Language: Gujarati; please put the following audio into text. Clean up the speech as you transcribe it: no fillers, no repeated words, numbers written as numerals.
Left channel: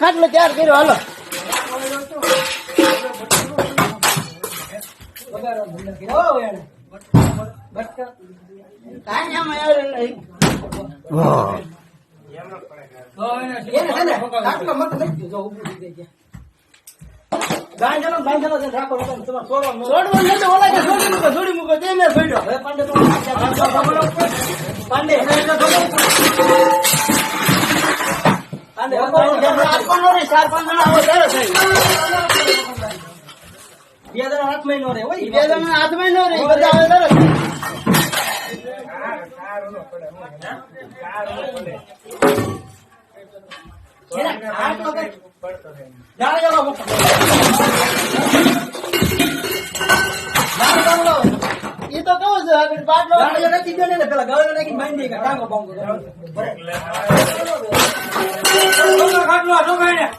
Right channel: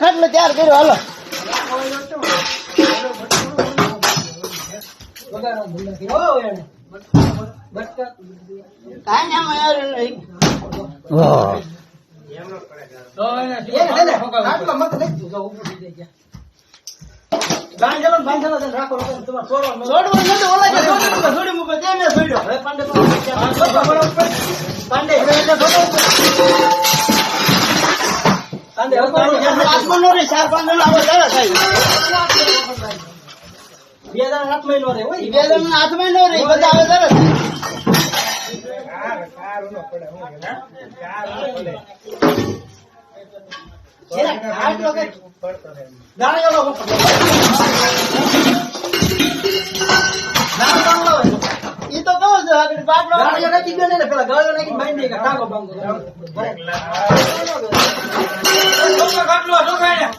ખાટલો તૈયાર કર્યો હાલો કાંઈ આમાં યાર નહીં એ તો કહું છું આગળ બાટલો નાખી દે ને પેલા ગળો નાખી બાંધી ટાંગો બાંધો